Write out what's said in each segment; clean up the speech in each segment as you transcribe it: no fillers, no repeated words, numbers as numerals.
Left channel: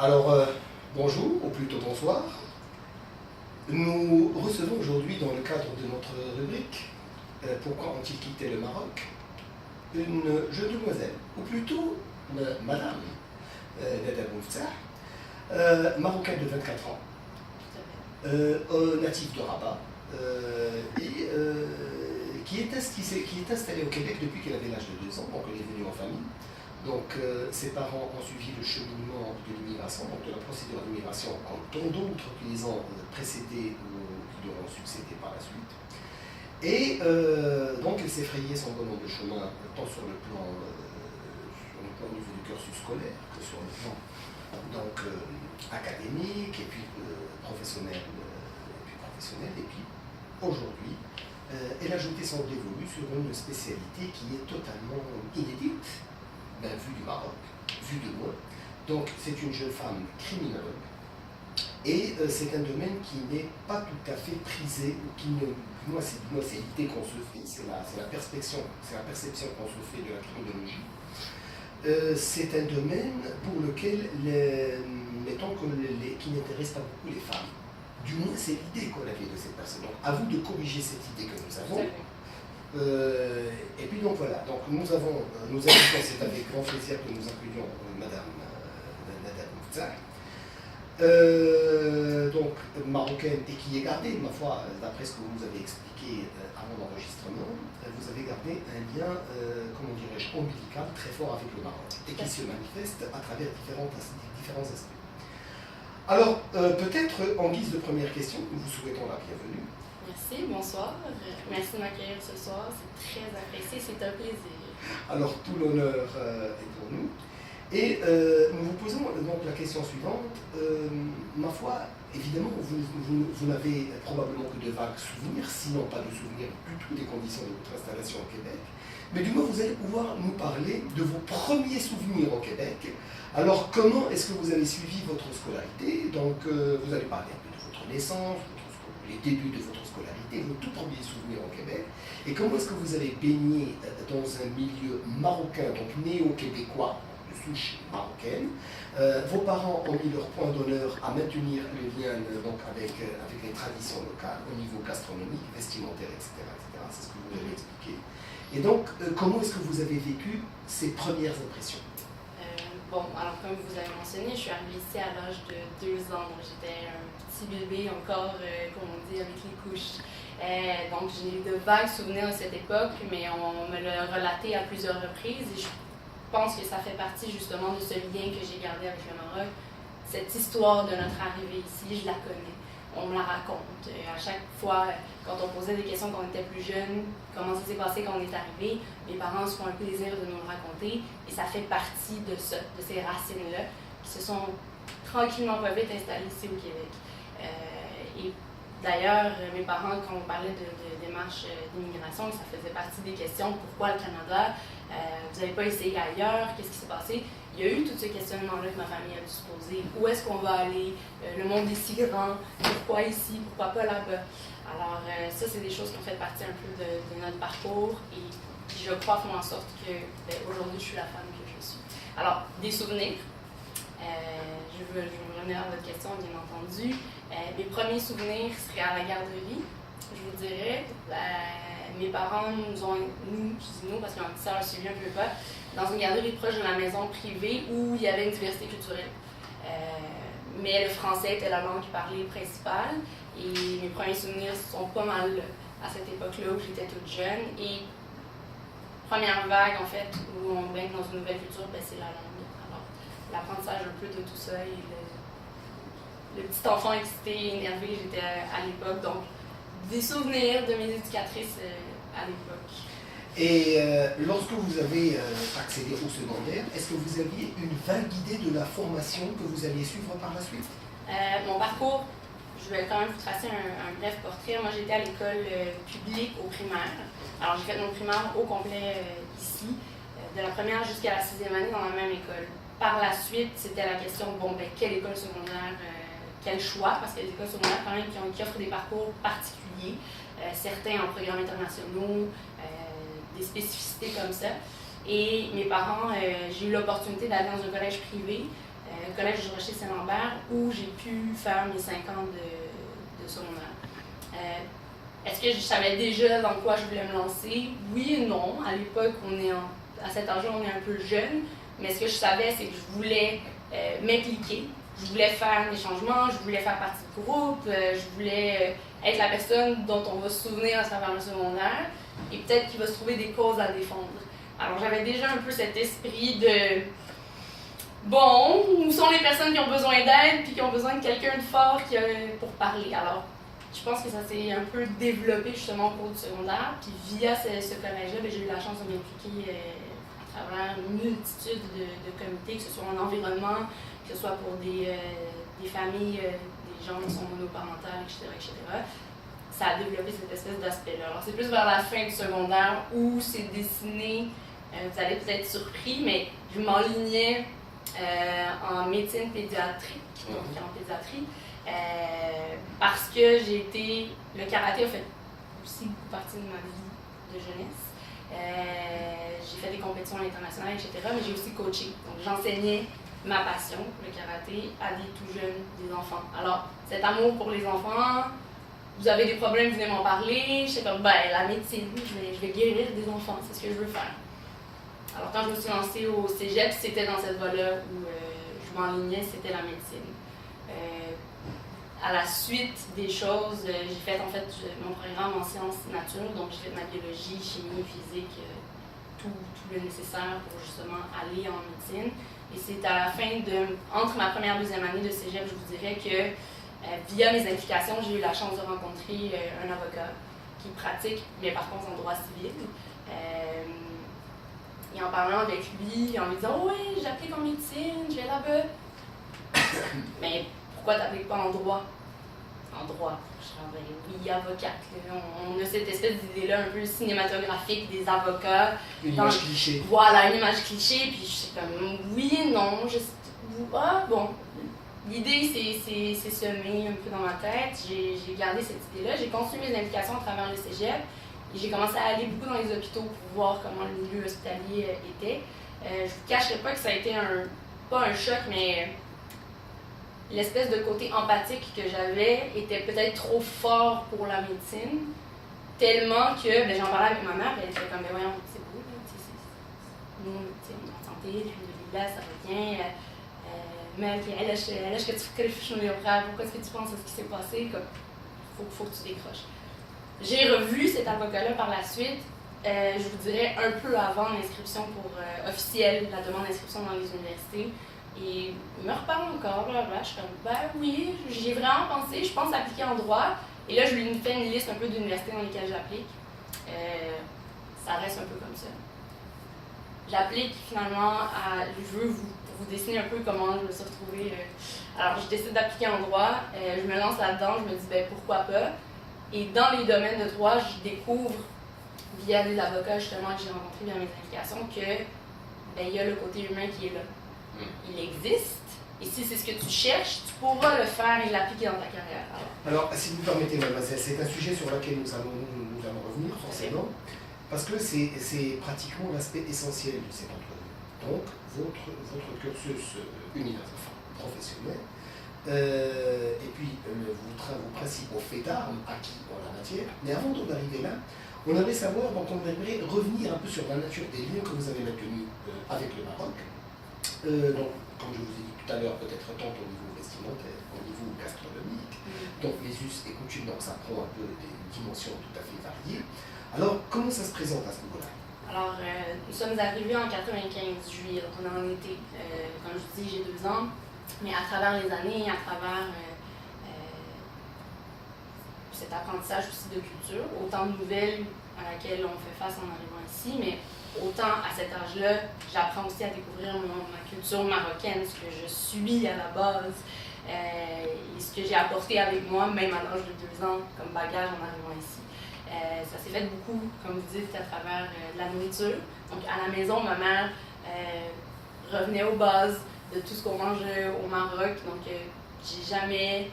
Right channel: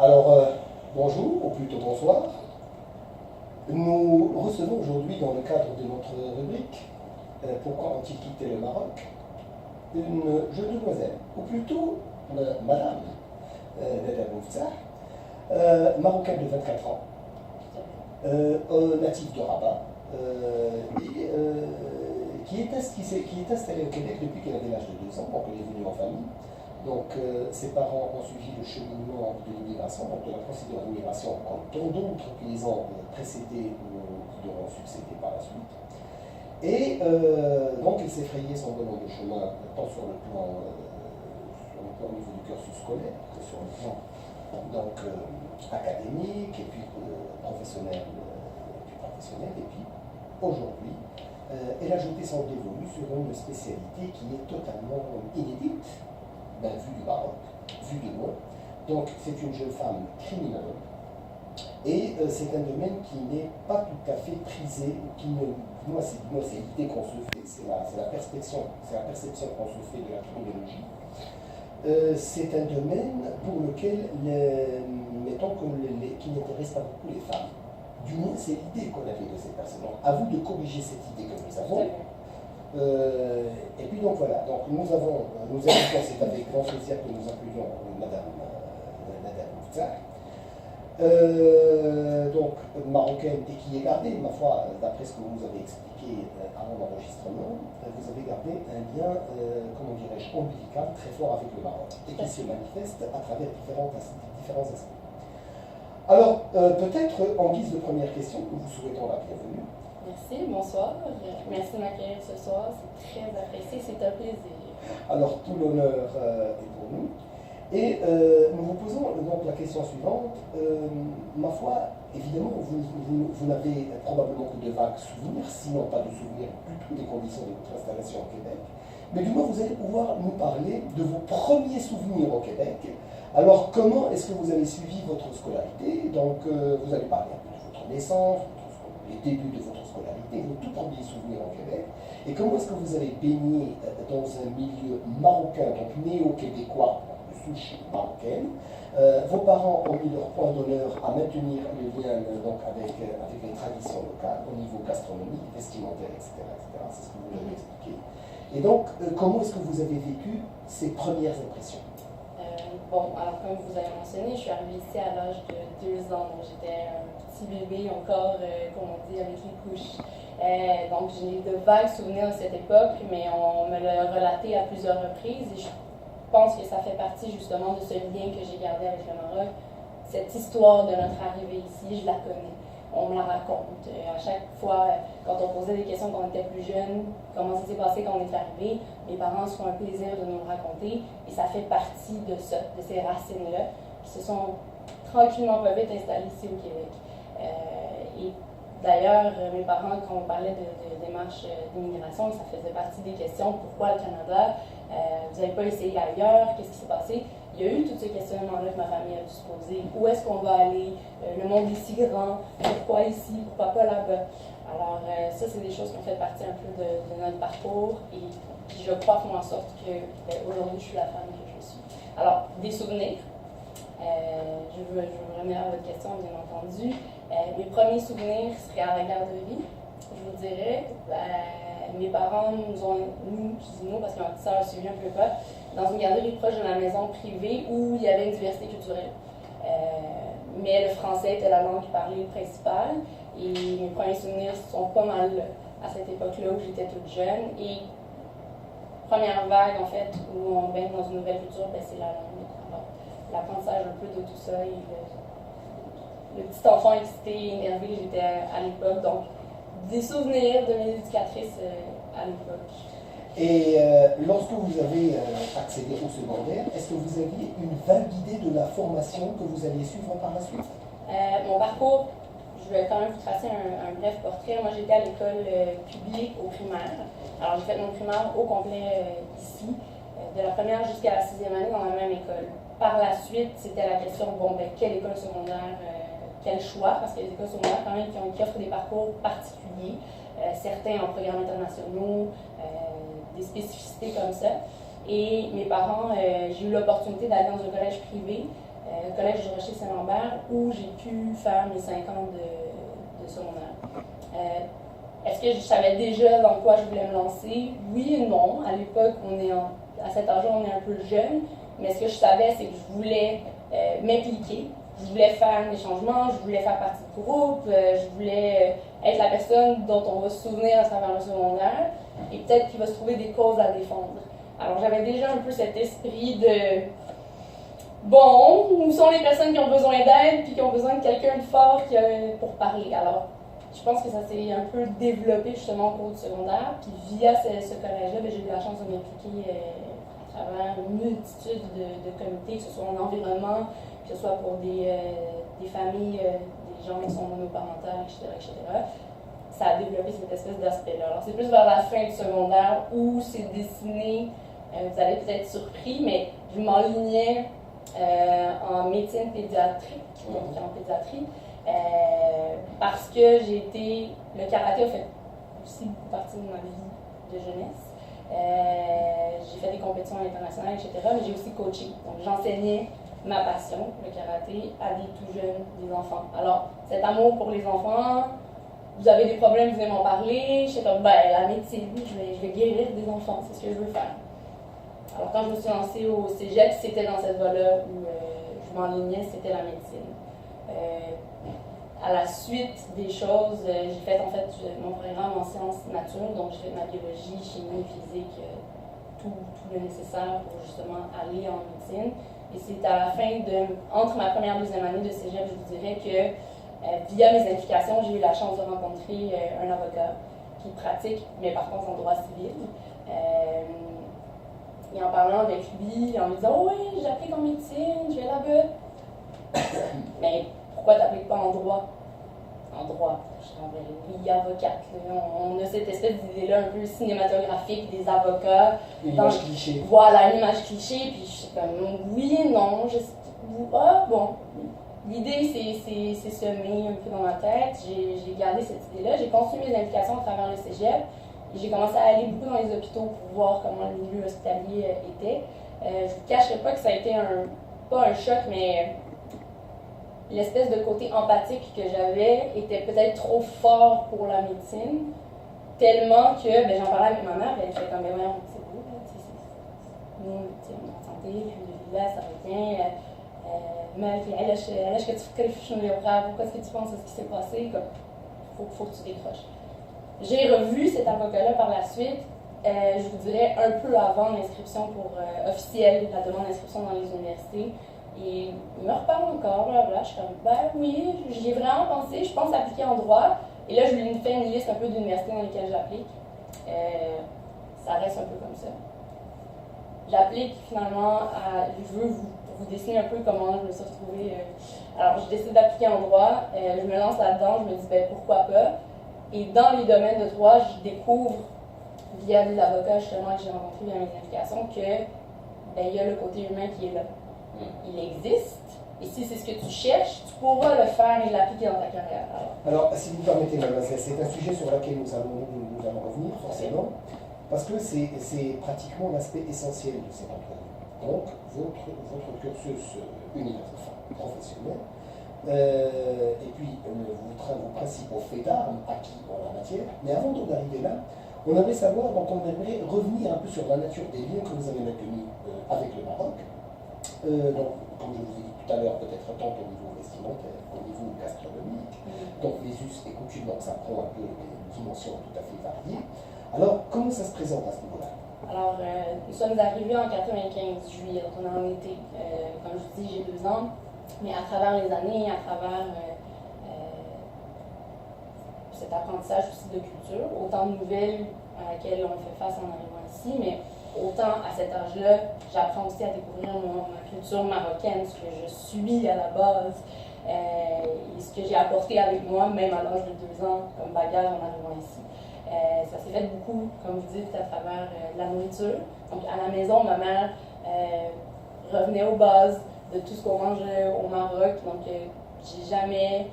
Alors, bonjour, ou plutôt bonsoir. Nous recevons aujourd'hui, dans le cadre de notre rubrique Pourquoi ont-ils quitté le Maroc, une jeune demoiselle, ou plutôt madame Nada Mouftah, marocaine de 24 ans, native de Rabat, et qui est installée au Québec depuis qu'elle avait l'âge de 2 ans, donc elle est venue en famille. Donc ses parents ont suivi le cheminement de l'immigration, donc de la procédure d'immigration, comme tant d'autres qui les ont précédés ou qui leur ont succédé par la suite. Et donc elle s'est frayé son bonhomme de chemin, tant sur le plan au niveau du cursus scolaire que sur le plan donc, académique et puis professionnel. Et puis aujourd'hui, elle a jeté son dévolu sur une spécialité qui est totalement inédite, vue du Maroc, vue de loin. Donc c'est une jeune femme criminologue et c'est un domaine qui n'est pas tout à fait prisé, ou qui ne, moi c'est l'idée qu'on se fait, c'est la perception qu'on se fait de la criminologie. C'est un domaine pour lequel, mettons qui n'intéresse pas beaucoup les femmes. Du moins, c'est l'idée qu'on avait de cette personne. Donc, à vous de corriger cette idée que nous avons. Et puis donc voilà, donc nous avons, c'est avec grand plaisir que nous accueillons Madame Nada Mouftah, donc marocaine, et qui est gardée, ma foi, d'après ce que vous nous avez expliqué avant l'enregistrement, vous avez gardé un lien, comment dirais-je, ombilical très fort avec le Maroc, et qui se manifeste à travers différents aspects. Alors, peut-être en guise de première question, nous vous souhaitons la bienvenue. Merci, bonsoir. Merci de m'accueillir ce soir, c'est très apprécié, c'est un plaisir. Alors, tout l'honneur est pour nous. Et nous vous posons donc la question suivante. Ma foi, évidemment, vous n'avez probablement que de vagues souvenirs, sinon pas de souvenirs du tout des conditions de votre installation au Québec. Mais du moins, vous allez pouvoir nous parler de vos premiers souvenirs au Québec. Alors, comment est-ce que vous avez suivi votre scolarité? Donc, vous allez parler un peu de votre naissance, les débuts de votre scolarité, vos tout premiers souvenirs au Québec, et comment est-ce que vous avez baigné dans un milieu marocain, donc néo-québécois, de souche marocaine. Vos parents ont mis leur point d'honneur à maintenir le lien donc, avec les traditions locales au niveau gastronomique, vestimentaire, etc. C'est ce que vous avez expliqué. Et donc, comment est-ce que vous avez vécu ces premières impressions? Bon, alors comme vous avez mentionné, je suis arrivée ici à l'âge de 2 ans, donc j'étais un petit bébé encore, comme on dit, avec les couches. Donc j'ai de vagues souvenirs de cette époque, mais on me l'a relaté à plusieurs reprises et je pense que ça fait partie justement de ce lien que j'ai gardé avec le Maroc. Cette histoire de notre arrivée ici, je la connais. On me la raconte. À chaque fois, quand on posait des questions quand on était plus jeune, comment ça s'est passé quand on est arrivé, mes parents se font un plaisir de nous le raconter et ça fait partie de ça, de ces racines-là qui se sont tranquillement pas vite installées ici au Québec. Et d'ailleurs, mes parents, quand on parlait de démarche d'immigration, ça faisait partie des questions. Pourquoi le Canada? Vous n'avez pas essayé ailleurs? Qu'est-ce qui s'est passé? Il y a eu tout ce questionnement-là que ma famille a dû se poser. Où est-ce qu'on va aller? Le monde est si grand. Pourquoi ici? Pourquoi pas là-bas? Alors, ça, c'est des choses qui ont fait partie un peu de notre parcours et qui, je crois, font en sorte que aujourd'hui, je suis la femme que je suis. Alors, des souvenirs. Je veux revenir à votre question, bien entendu. Mes premiers souvenirs seraient à la garderie, je vous dirais. Mes parents je dis nous parce que ma petite sœur suivi un peu pas, dans une garderie proche de la maison privée où il y avait une diversité culturelle. Mais le français était la langue parlée principale et mes premiers souvenirs sont pas mal à cette époque-là où j'étais toute jeune. Et première vague, en fait, où on baigne dans une nouvelle culture, c'est la langue. Alors, l'apprentissage un peu de tout ça et le petit enfant excité et énervé j'étais à l'époque. Donc, des souvenirs de mes éducatrices à l'époque. Et lorsque vous avez accédé au secondaire, est-ce que vous aviez une vague idée de la formation que vous alliez suivre par la suite? Mon parcours, je vais quand même vous tracer un bref portrait. Moi, j'étais à l'école publique au primaire. Alors, j'ai fait mon primaire au complet ici, de la première jusqu'à la 6e année dans la même école. Par la suite, c'était la question, quelle école secondaire, quel choix, parce qu'il y a des écoles secondaires quand même qui offrent des parcours particuliers, certains en programmes internationaux, des spécificités comme ça. Et mes parents, j'ai eu l'opportunité d'aller dans un collège privé collège du Rocher-Saint-Lambert, où j'ai pu faire mes 5 ans de secondaire. Est-ce que je savais déjà dans quoi je voulais me lancer? Oui et non. À l'époque, à cet âge-là, on est un peu jeune, mais ce que je savais, c'est que je voulais m'impliquer. Je voulais faire des changements, je voulais faire partie du groupe, je voulais être la personne dont on va se souvenir à travers le secondaire et peut-être qu'il va se trouver des causes à défendre. Alors j'avais déjà un peu cet esprit de bon, où sont les personnes qui ont besoin d'aide puis qui ont besoin de quelqu'un de fort pour parler. Alors je pense que ça s'est un peu développé justement au cours du secondaire. Puis via ce collège-là, j'ai eu la chance de m'impliquer à travers une multitude de comités, que ce soit en environnement, que ce soit pour des familles, des gens qui sont monoparentales, etc., etc. Ça a développé cette espèce d'aspect-là. Alors c'est plus vers la fin du secondaire où c'est dessiné, vous allez peut-être surpris, mais je m'enlignais en médecine pédiatrique, donc en pédiatrie, parce que le karaté a fait aussi beaucoup partie de ma vie de jeunesse. J'ai fait des compétitions internationales, etc., mais j'ai aussi coaché. Donc j'enseignais ma passion, le karaté, à des tout jeunes, des enfants. Alors, cet amour pour les enfants, vous avez des problèmes, venez m'en parler. J'étais comme, la médecine, je vais guérir des enfants, c'est ce que je veux faire. Alors, quand je me suis lancée au cégep, c'était dans cette voie-là où je m'enlignais, c'était la médecine. À la suite des choses, j'ai fait en fait mon programme en sciences nature, donc j'ai fait ma biologie, chimie, physique, tout le nécessaire pour justement aller en médecine. Et c'est à la fin entre ma première et deuxième année de cégep, je vous dirais que via mes implications, j'ai eu la chance de rencontrer un avocat qui pratique, mais par contre en droit civil. Et en parlant avec lui, en lui disant « Oui, j'applique en médecine, je vais là-bas. » Mais pourquoi tu n'appliques pas en droit? En droit. Je suis oui, avocate. On a cette espèce d'idée-là un peu cinématographique des avocats. Une image cliché. Voilà, une image cliché. Puis je suis comme oui et non. Bon. L'idée c'est semé un peu dans ma tête. J'ai gardé cette idée-là. J'ai continué mes implications à travers le cégep. Et j'ai commencé à aller beaucoup dans les hôpitaux pour voir comment le milieu hospitalier était. Je ne vous cacherai pas que ça a été pas un choc, mais l'espèce de côté empathique que j'avais était peut-être trop fort pour la médecine, tellement que j'en parlais avec ma mère, elle était comme, voyons, c'est beau, nous, on est en santé, là, ça va bien, mais est-ce que tu fais pourquoi est-ce que tu penses à ce qui s'est passé, comme, faut que tu décroches. J'ai revu cet avocat-là par la suite, je vous dirais un peu avant l'inscription officielle, la demande d'inscription dans les universités. Et il me reparle encore, là, je suis comme, oui, j'y ai vraiment pensé, je pense appliquer en droit. Et là, je lui fais une liste un peu d'universités dans lesquelles j'applique. Ça reste un peu comme ça. J'applique finalement je veux vous dessiner un peu comment je me suis retrouvée. Alors, je décide d'appliquer en droit, je me lance là-dedans, je me dis, pourquoi pas. Et dans les domaines de droit, je découvre, via des avocats justement que j'ai rencontrés via mes implications, que il y a le côté humain qui est là. Il existe, et si c'est ce que tu cherches, tu pourras le faire et l'appliquer dans ta carrière. Alors, si vous permettez, mademoiselle, c'est un sujet sur lequel nous allons revenir, forcément, parce que c'est pratiquement l'aspect essentiel de cette entrevue. Donc, votre cursus universitaire, professionnel, et puis vos principaux faits d'armes acquis en la matière. Mais avant d'en arriver là, on aimerait savoir, donc on aimerait revenir un peu sur la nature des liens que vous avez maintenus avec le Maroc. Donc, comme je vous ai dit tout à l'heure, peut-être tant au niveau vestimentaire, au niveau gastronomique, donc les us et coutumes, donc ça prend un peu des dimensions tout à fait variées. Alors, comment ça se présente à ce niveau-là? Alors, nous sommes arrivés en 95 juillet, donc on est en été. Comme je vous dis, j'ai 2 ans, mais à travers les années, à travers cet apprentissage aussi de culture, autant de nouvelles à laquelle on fait face en arrivant ici, mais autant à cet âge-là, j'apprends aussi à découvrir ma culture marocaine, ce que je suis à la base, et ce que j'ai apporté avec moi, même à l'âge de 2 ans, comme bagage en arrivant ici. Ça s'est fait beaucoup, comme vous dites, à travers de la nourriture. Donc à la maison, ma mère revenait aux bases de tout ce qu'on mange au Maroc. Donc j'ai jamais,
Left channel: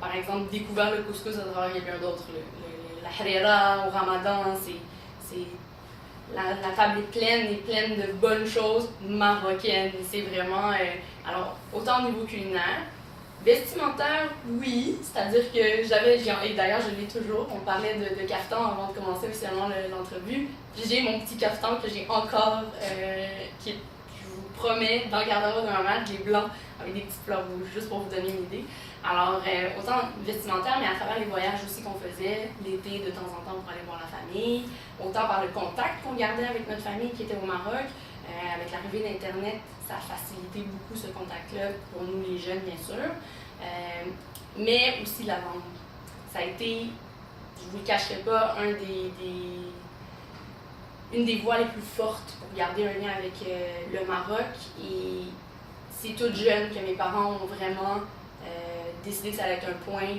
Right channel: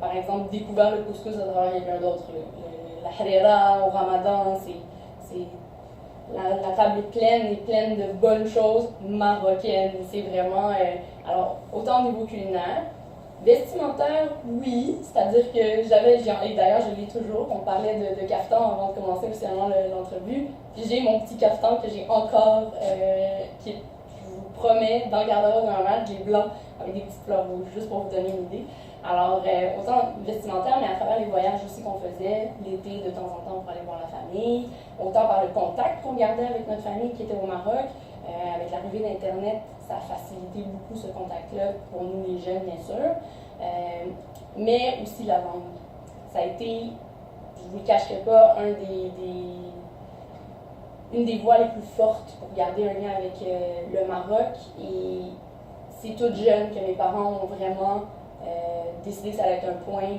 par exemple, découvert le couscous à travers quelqu'un d'autre. La harira au ramadan, c'est la table est pleine de bonnes choses marocaines. C'est vraiment, alors, autant au niveau culinaire, vestimentaire, oui, c'est-à-dire que et d'ailleurs je l'ai toujours, on parlait de caftan avant de commencer officiellement l'entrevue, j'ai mon petit caftan que j'ai encore, qui est, je vous promets, dans le garde-robe de ma mère, il est blanc avec des petites fleurs rouges, juste pour vous donner une idée. Alors, autant vestimentaire, mais à travers les voyages aussi qu'on faisait, l'été de temps en temps pour aller voir la famille, autant par le contact qu'on gardait avec notre famille qui était au Maroc, avec l'arrivée d'Internet, ça a facilité beaucoup ce contact-là pour nous les jeunes, bien sûr, mais aussi la langue. Ça a été, je ne vous le cacherai pas, une des voies les plus fortes pour garder un lien avec le Maroc. Et c'est toute jeune que mes parents ont vraiment décidé que ça allait être un point,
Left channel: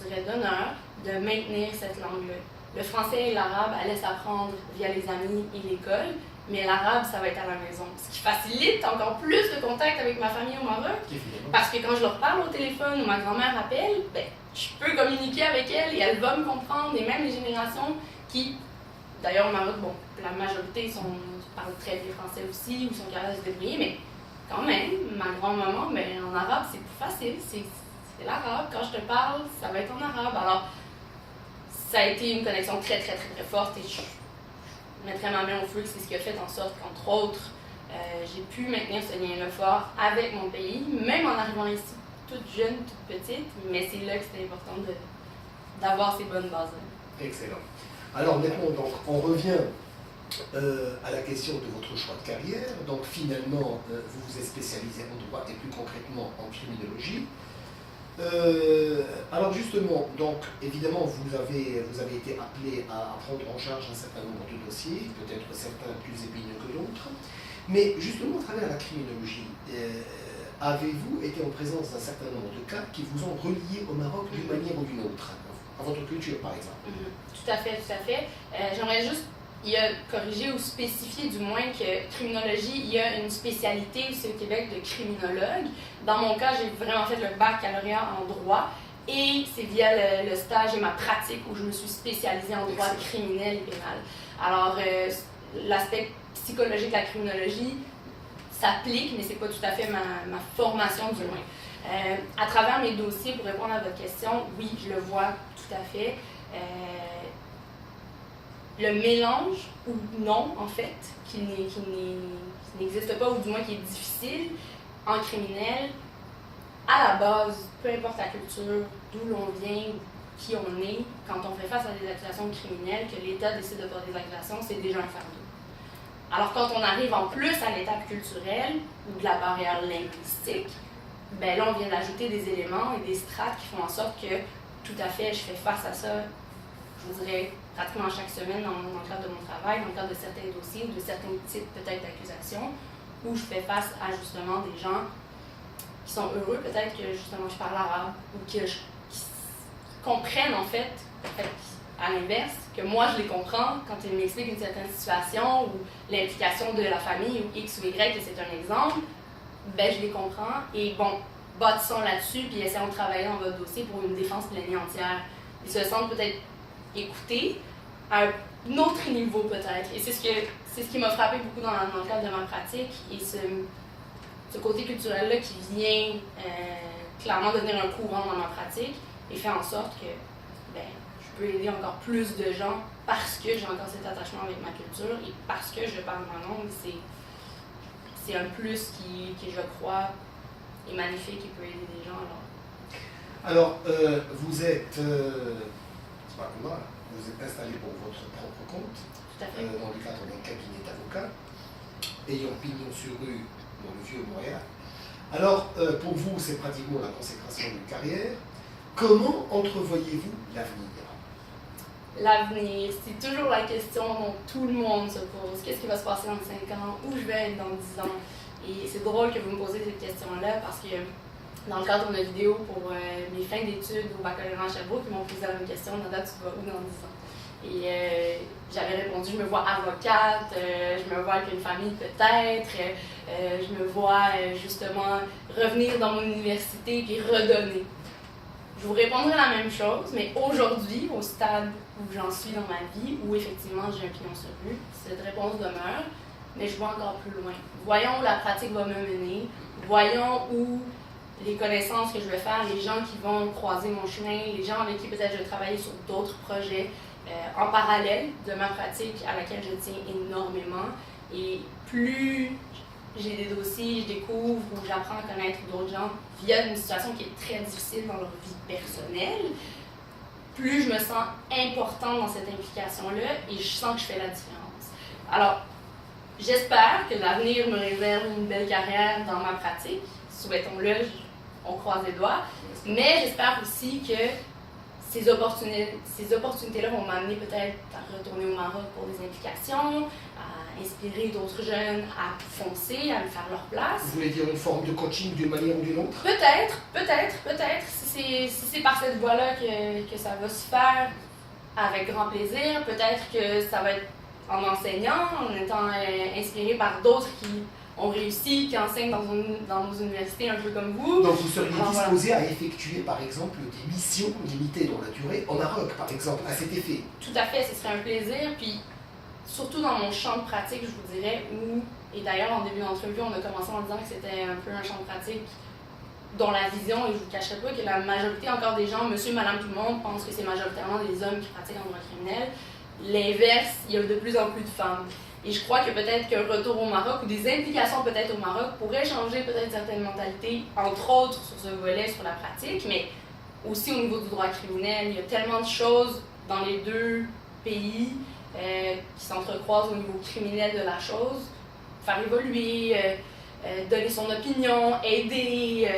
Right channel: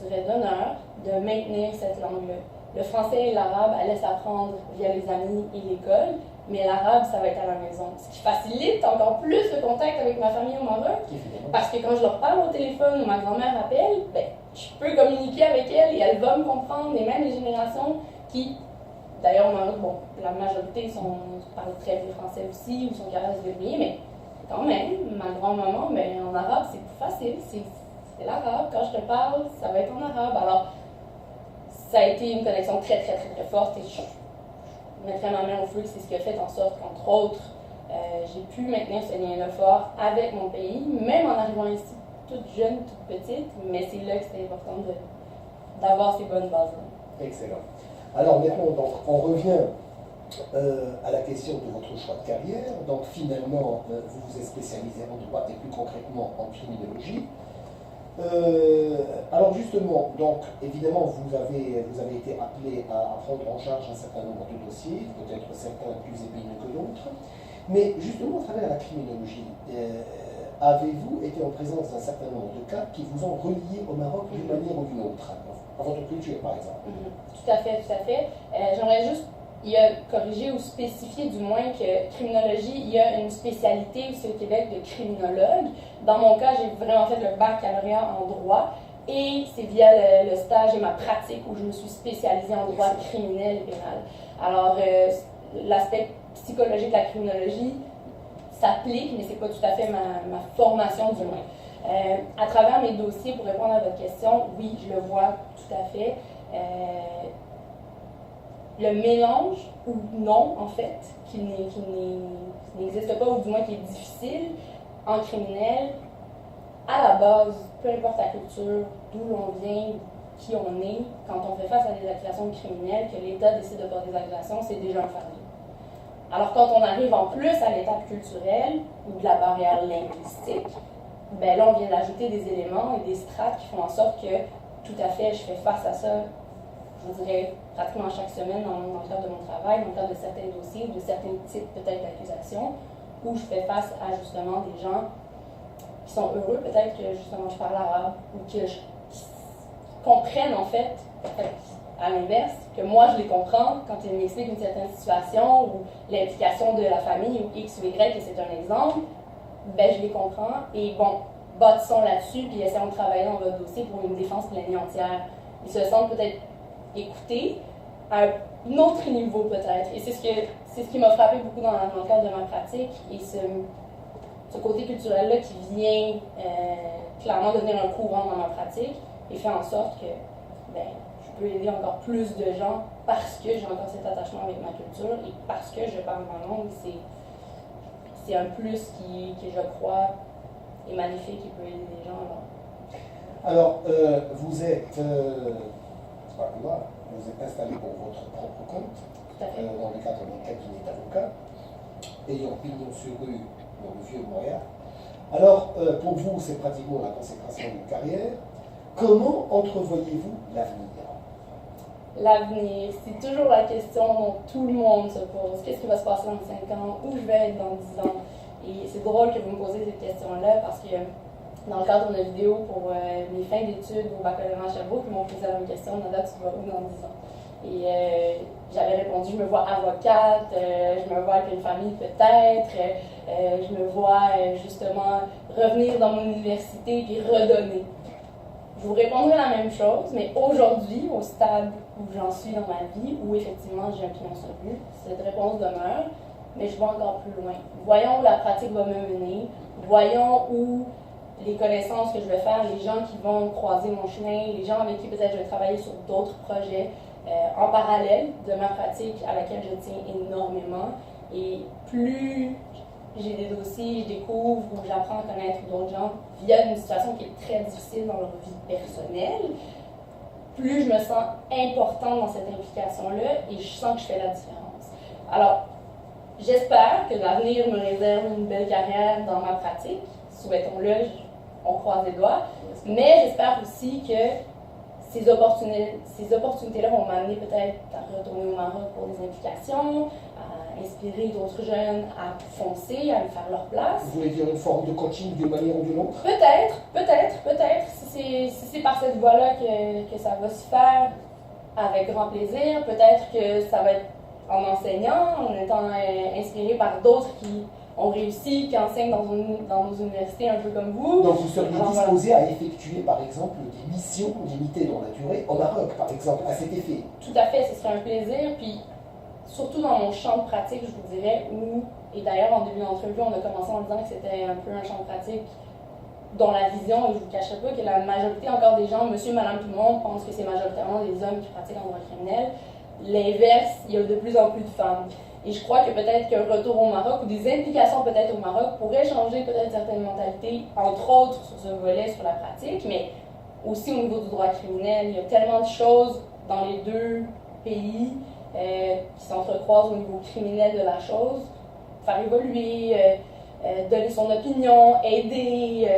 je dirais, d'honneur, de maintenir cette langue-là. Le français et l'arabe allaient s'apprendre via les amis et l'école, mais l'arabe, ça va être à la maison. Ce qui facilite encore plus le contact avec ma famille au Maroc, parce que quand je leur parle au téléphone ou ma grand-mère appelle, ben, je peux communiquer avec elle et elle va me comprendre, et même les générations qui, d'ailleurs au Maroc, bon, la majorité parlent très bien français aussi, ou sont capables de se débrouiller, mais quand même, ma grand-maman, ben, en arabe, c'est plus facile, c'est l'arabe. Quand je te parle, ça va être en arabe. Alors, ça a été une connexion très, très, très, très forte et je mettrais ma main au feu que c'est ce qui a fait en sorte qu'entre autres, j'ai pu maintenir ce lien-là fort avec mon pays, même en arrivant ici toute jeune, toute petite, mais c'est là que c'était important d'avoir ces bonnes bases-là. Excellent. Alors maintenant, donc, on revient à la question de votre choix de carrière. Donc finalement, vous vous êtes spécialisé en droit et plus concrètement en criminologie. Alors justement, donc évidemment, vous avez été appelé à prendre en charge un certain nombre de dossiers, peut-être certains plus épineux que d'autres, mais justement, à travers la criminologie, avez-vous été en présence d'un certain nombre de cas qui vous ont relié au Maroc d'une manière ou d'une autre, à votre culture par exemple? Tout à fait, tout à fait. J'aimerais juste corriger ou spécifier du moins que criminologie, il y a une spécialité ici au Québec de criminologue. Dans mon cas, j'ai vraiment fait le baccalauréat en droit et c'est via le stage et ma pratique où je me suis spécialisée en droit criminel et pénal. Alors, l'aspect psychologique de la criminologie s'applique, mais c'est pas tout à fait ma formation du moins. À travers mes dossiers, pour répondre à votre question, oui, je le vois tout à fait. Le mélange, ou non, en fait, qui n'existe pas, ou du moins qui est difficile, en criminel, à la base, peu importe la culture, d'où l'on vient, qui on est, quand on fait face à des accusations criminelles, que l'État décide de porter des accusations, c'est déjà un fardeau. Alors quand on arrive en plus à l'étape culturelle, ou de la barrière linguistique, ben là on vient d'ajouter des éléments et des strates qui font en sorte que, tout à fait, je fais face à ça, je vous dirais, pratiquement chaque semaine dans le cadre de mon travail, dans le cadre de certains dossiers ou de certains types peut-être d'accusations, où je fais face à justement des gens qui sont heureux, peut-être que justement je parle arabe, ou qui comprennent en fait, à l'inverse, que moi je les comprends quand ils m'expliquent une certaine situation ou l'implication de la famille ou X ou Y, et c'est un exemple, ben je les comprends et bon, bâtissons là-dessus puis essayons de travailler dans votre dossier pour une défense pleine et entière. Ils se sentent peut-être écoutés à un autre niveau peut-être. Et c'est ce qui m'a frappé beaucoup dans le cadre de ma pratique et ce côté culturel-là qui vient clairement devenir un courant dans ma pratique et fait en sorte que ben, je peux aider encore plus de gens parce que j'ai encore cet attachement avec ma culture et parce que je parle ma langue. C'est un plus qui, je crois, est magnifique et peut aider des gens. Alors, vous êtes, c'est pas comme moi, vous êtes installé pour votre propre compte, Tout à fait. dans le cadre d'un cabinet d'avocats, ayant pignon sur rue dans le vieux Montréal. Alors, pour vous, c'est pratiquement la consécration d'une carrière. Comment entrevoyez-vous l'avenir? L'avenir, c'est toujours la question dont tout le monde se pose. Qu'est-ce qui va se passer dans 5 ans? Où je vais être dans 10 ans? Et c'est drôle que vous me posiez cette question-là parce que dans le cadre de ma vidéo pour mes fins d'études au baccalauréat à Sherbrooke, ils m'ont posé la même question, Nada, tu vas où dans 10 ans? Et j'avais répondu, je me vois avocate, je me vois avec une famille peut-être, je me vois justement revenir dans mon université et redonner. Je vous répondrai la même chose, mais aujourd'hui, au stade où j'en suis dans ma vie, où effectivement j'ai un pignon sur rue, cette réponse demeure, mais je vais encore plus loin. Voyons où la pratique va me mener, voyons où les connaissances que je vais faire, les gens qui vont croiser mon chemin, les gens avec qui peut-être je vais travailler sur d'autres projets en parallèle de ma pratique à laquelle je tiens énormément. Et plus j'ai des dossiers, je découvre ou j'apprends à connaître d'autres gens via une situation qui est très difficile dans leur vie personnelle, plus je me sens importante dans cette implication-là et je sens que je fais la différence. Alors, j'espère que l'avenir me réserve une belle carrière dans ma pratique. Souhaitons-le, on croise les doigts. Mais j'espère aussi que ces opportunités-là vont m'amener peut-être à retourner au Maroc pour des implications, à inspirer d'autres jeunes à foncer, à me faire leur place. Vous voulez dire une forme de coaching d'une manière ou d'une autre? Peut-être. Si c'est par cette voie-là que ça va se faire, avec grand plaisir. Peut-être que ça va être en enseignant, en étant inspiré par d'autres qui ont réussi, qui enseignent dans nos universités un peu comme vous. Donc vous seriez disposé à effectuer par exemple des missions limitées dans la durée au Maroc par exemple, à cet effet? Tout à fait, ce serait un plaisir. Puis surtout dans mon champ de pratique, je vous dirais, et d'ailleurs en début d'entrevue, on a commencé en disant que c'était un peu un champ de pratique dont la vision, et je ne vous cacherai pas que la majorité encore des gens, monsieur, madame, tout le monde, pensent que c'est majoritairement des hommes qui pratiquent en droit criminel. L'inverse, il y a de plus en plus de femmes. Et je crois que peut-être qu'un retour au Maroc ou des implications peut-être au Maroc pourraient changer peut-être certaines mentalités, entre autres sur ce volet, sur la pratique, mais aussi au niveau du droit criminel. Il y a tellement de choses dans les deux pays qui s'entrecroisent au niveau criminel de la chose. Faire évoluer, donner son opinion, aider,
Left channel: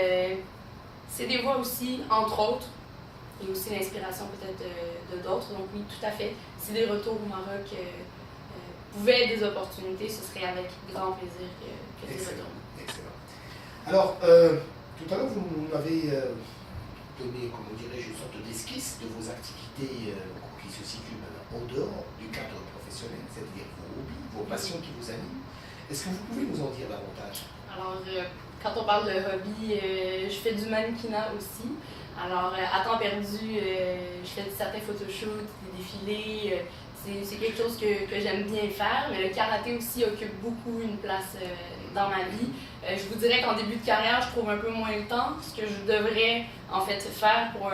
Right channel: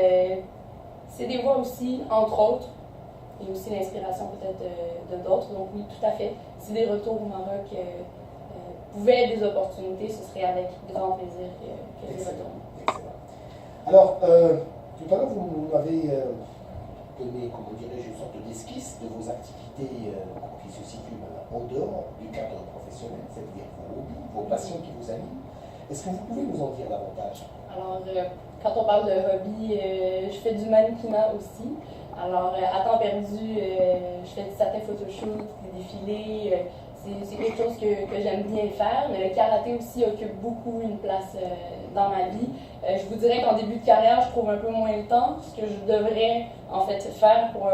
c'est des voies aussi, entre autres, et aussi l'inspiration peut-être de d'autres. Donc oui, tout à fait. Si des retours au Maroc pouvaient être des opportunités, ce serait avec grand plaisir que des retours. Excellent. Alors, tout à l'heure, vous m'avez donné, comment dirais-je, une sorte d'esquisse de vos activités qui se situent en dehors du cadre professionnel, c'est-à-dire vos hobbies, vos passions qui vous animent. Est-ce que vous pouvez nous en dire davantage? Alors, quand on parle de hobby, je fais du mannequinat aussi. Alors, à temps perdu, je fais certains photoshoots, des défilés. C'est quelque chose que j'aime bien faire, mais le karaté aussi occupe beaucoup une place dans ma vie. Je vous dirais qu'en début de carrière, je trouve un peu moins le temps, ce que je devrais en fait faire pour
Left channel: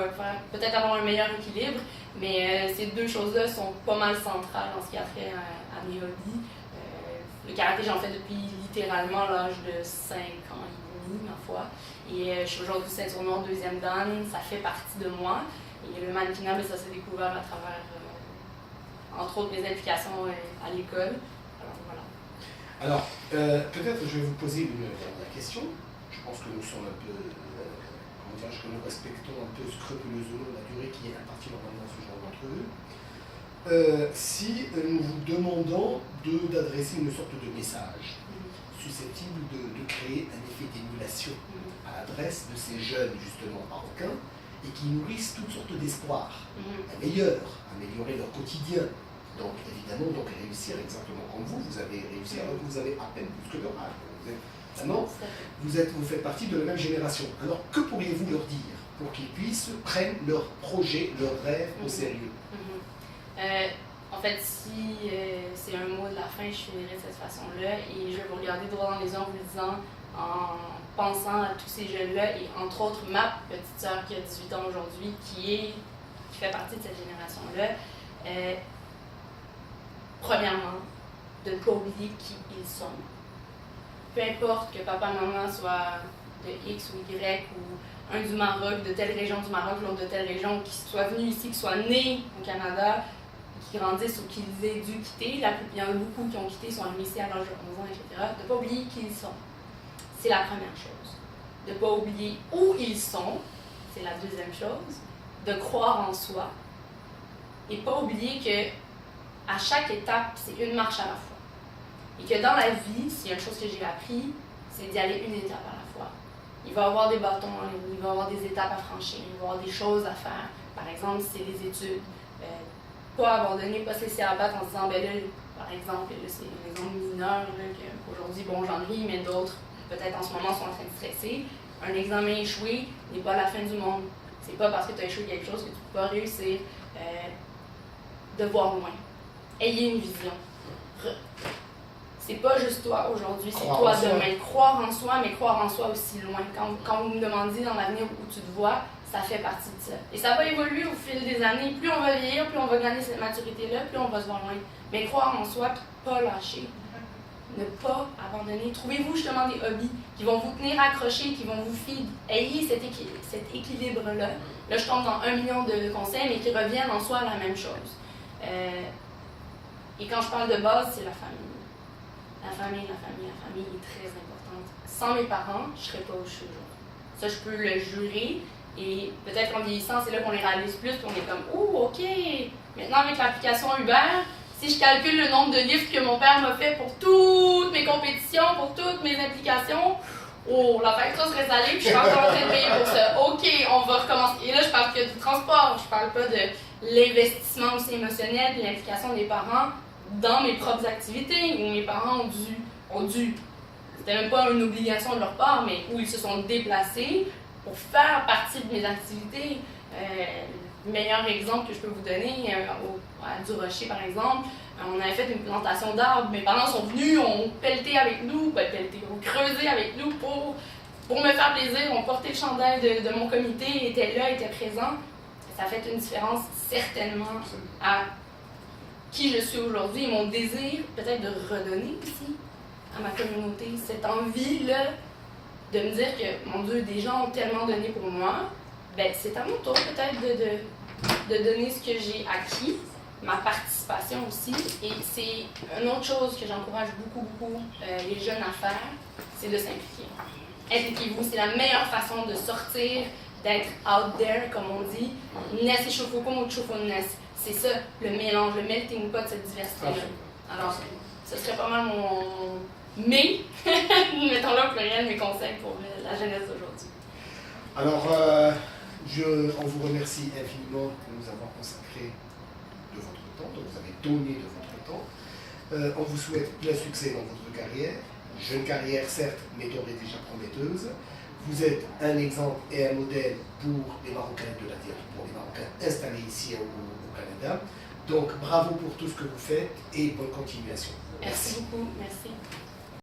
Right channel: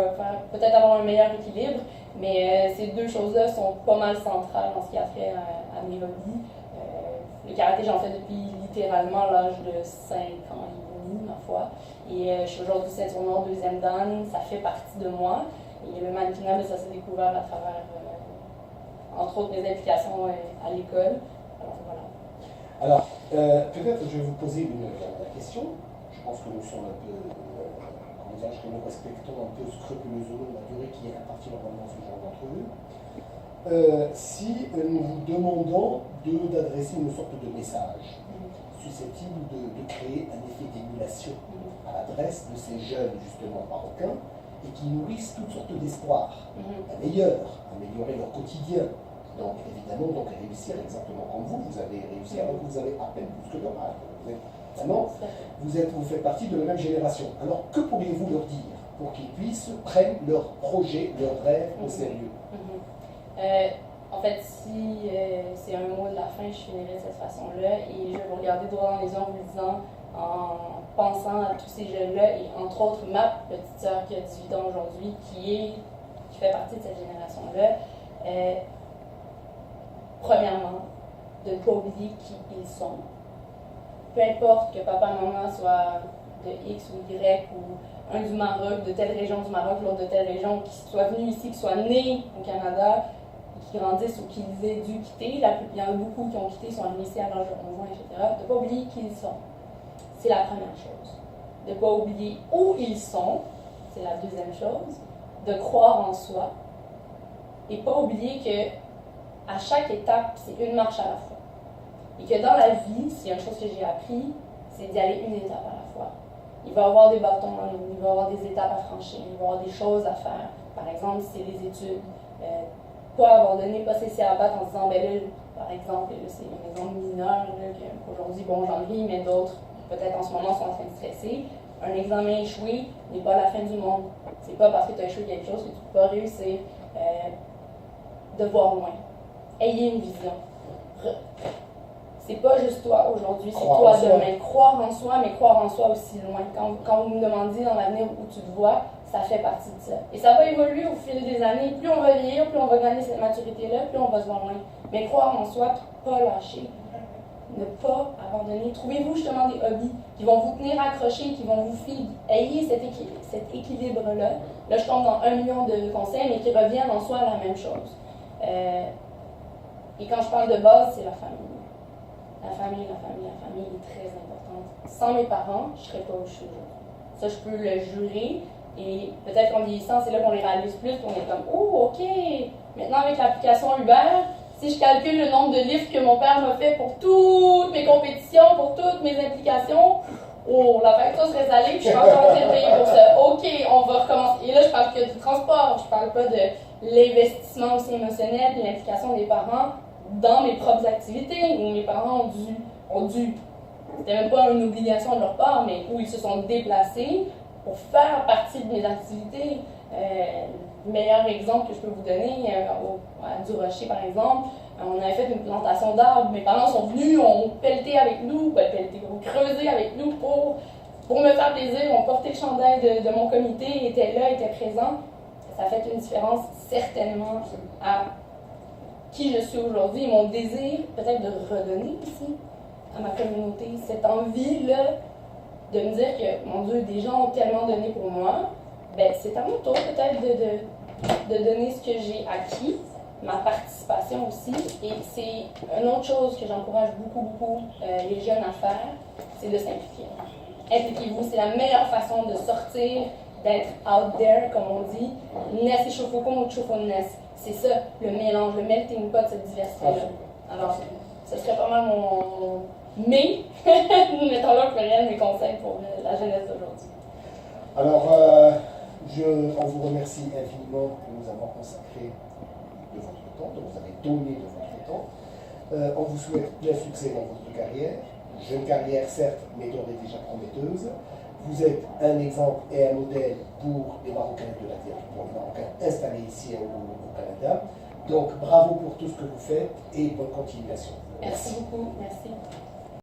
peut-être avoir un meilleur équilibre, mais ces deux choses-là sont pas mal centrales en ce qui a trait à mes hobbies. Le karaté, j'en fais depuis littéralement l'âge de 5 ans et demi, ma foi. Et je suis aujourd'hui ceinture noire deuxième dan, ça fait partie de moi. Et le mannequinat, ça s'est découvert à travers entre autres mes implications à l'école. Voilà. Alors, peut-être je vais vous poser une dernière question. Je pense que nous sommes un peu, comment dirais-je, que nous respectons un peu scrupuleusement la durée qui est impartie normalement à ce genre d'entrevue. Si nous vous demandons d'adresser une sorte de message susceptible de créer un effet d'émulation à l'adresse de ces jeunes justement marocains, et qui nourrissent toutes sortes d'espoirs, améliorer leur quotidien. Donc évidemment, réussir exactement comme vous avez réussi alors que vous avez à peine plus que leur âge. Vous faites partie de la même génération. Alors que pourriez-vous leur dire pour qu'ils puissent prendre leurs projets, leurs rêves au sérieux? En fait, si c'est un mot de la fin, je finirai de cette façon-là et je vais vous regarder droit dans les yeux en vous disant, en pensant à tous ces jeunes-là et entre autres ma petite sœur qui a 18 ans aujourd'hui, qui fait partie de cette génération-là, premièrement, de ne pas oublier qui ils sont. Peu importe que papa et maman soient de X ou Y ou un du Maroc, de telle région du Maroc, l'autre de telle région, qui soient venus ici, qui soient nés au Canada, qui grandissent ou qu'ils aient dû quitter. Il y en a beaucoup qui ont quitté, sont arrivés ici à l'âge de 11 ans, etc. De ne pas oublier qui ils sont. C'est la première chose. De ne pas oublier où ils sont, c'est la deuxième chose. De croire en soi. Et pas oublier que à chaque étape, c'est une marche à la fois. Et que dans la vie, s'il y a une chose que j'ai appris, c'est d'y aller une étape à la fois. Il va y avoir des bâtons, il va y avoir des étapes à franchir, il va y avoir des choses à faire. Par exemple, si c'est des études, pas abandonner, pas se laisser abattre en se disant, ben là, par exemple, là, c'est un exemple mineur, qu'aujourd'hui, bon, j'en ris, mais d'autres, peut-être en ce moment, sont en train de stresser. Un examen échoué n'est pas la fin du monde. C'est pas parce que tu as échoué quelque chose que tu peux pas réussir de voir loin. Ayez une vision. C'est pas juste toi aujourd'hui, c'est toi demain. Croire en soi, mais croire en soi aussi loin. Quand vous me demandiez dans l'avenir où tu te vois, ça fait partie de ça. Et ça va évoluer au fil des années. Plus on va vieillir, plus on va gagner cette maturité-là, plus on va se voir loin. Mais croire en soi, puis pas lâcher. Ne pas abandonner. Trouvez-vous justement des hobbies qui vont vous tenir accrochés, qui vont vous feed. Ayez cet équilibre-là. Là, je tombe dans 1 million de conseils, mais qui reviennent en soi à la même chose. Et quand je parle de base, c'est la famille. La famille est très importante. Sans mes parents, je ne serais pas où je suis aujourd'hui. Ça, je peux le jurer. Et peut-être qu'en vieillissant, c'est là qu'on les réalise plus, qu'on est comme « Oh, OK! Maintenant, avec l'application Uber, si je calcule le nombre de livres que mon père m'a fait pour toutes mes compétitions, pour toutes mes implications, oh, la facture serait salée, puis je suis encore en train de payer pour ça. OK, on va recommencer. » Et là, je parle que du transport, je parle pas de l'investissement aussi émotionnel, de l'implication des parents dans mes propres activités, où mes parents ont dû, c'était même pas une obligation de leur part, mais où ils se sont déplacés pour faire partie de mes activités. Le meilleur exemple que je peux vous donner, à Du-Rocher par exemple, on avait fait une plantation d'arbres. Mes parents sont venus, ont pelleté avec nous, ont creusé avec nous pour me faire plaisir, ont porté le chandail de mon comité, étaient là, étaient présents. Ça a fait une différence certainement à qui je suis aujourd'hui et mon désir peut-être de redonner aussi à ma communauté, cette envie-là de me dire que, mon Dieu, des gens ont tellement donné pour moi, ben c'est à mon tour peut-être de donner ce que j'ai acquis, ma participation aussi. Et c'est une autre chose que j'encourage beaucoup les jeunes à faire, c'est de s'impliquer. Impliquez-vous, c'est la meilleure façon de sortir, d'être out there, comme on dit. Ness et Chofokum ou Chofoness. C'est ça, le mélange, le melting pot, cette diversité-là. Alors, ce serait pas mal mon mais, mettons-le au pluriel, mes conseils pour la jeunesse d'aujourd'hui. Alors, on vous remercie infiniment de nous avoir consacré de votre temps, de vous avez donné de votre temps. On vous souhaite plein succès dans votre carrière. Jeune carrière, certes, mais d'ores et déjà prometteuse. Vous êtes un exemple et un modèle pour les Marocains de la diaspora, pour les Marocains installés ici au Canada. Donc, bravo pour tout ce que vous faites et bonne continuation. Merci beaucoup. Merci.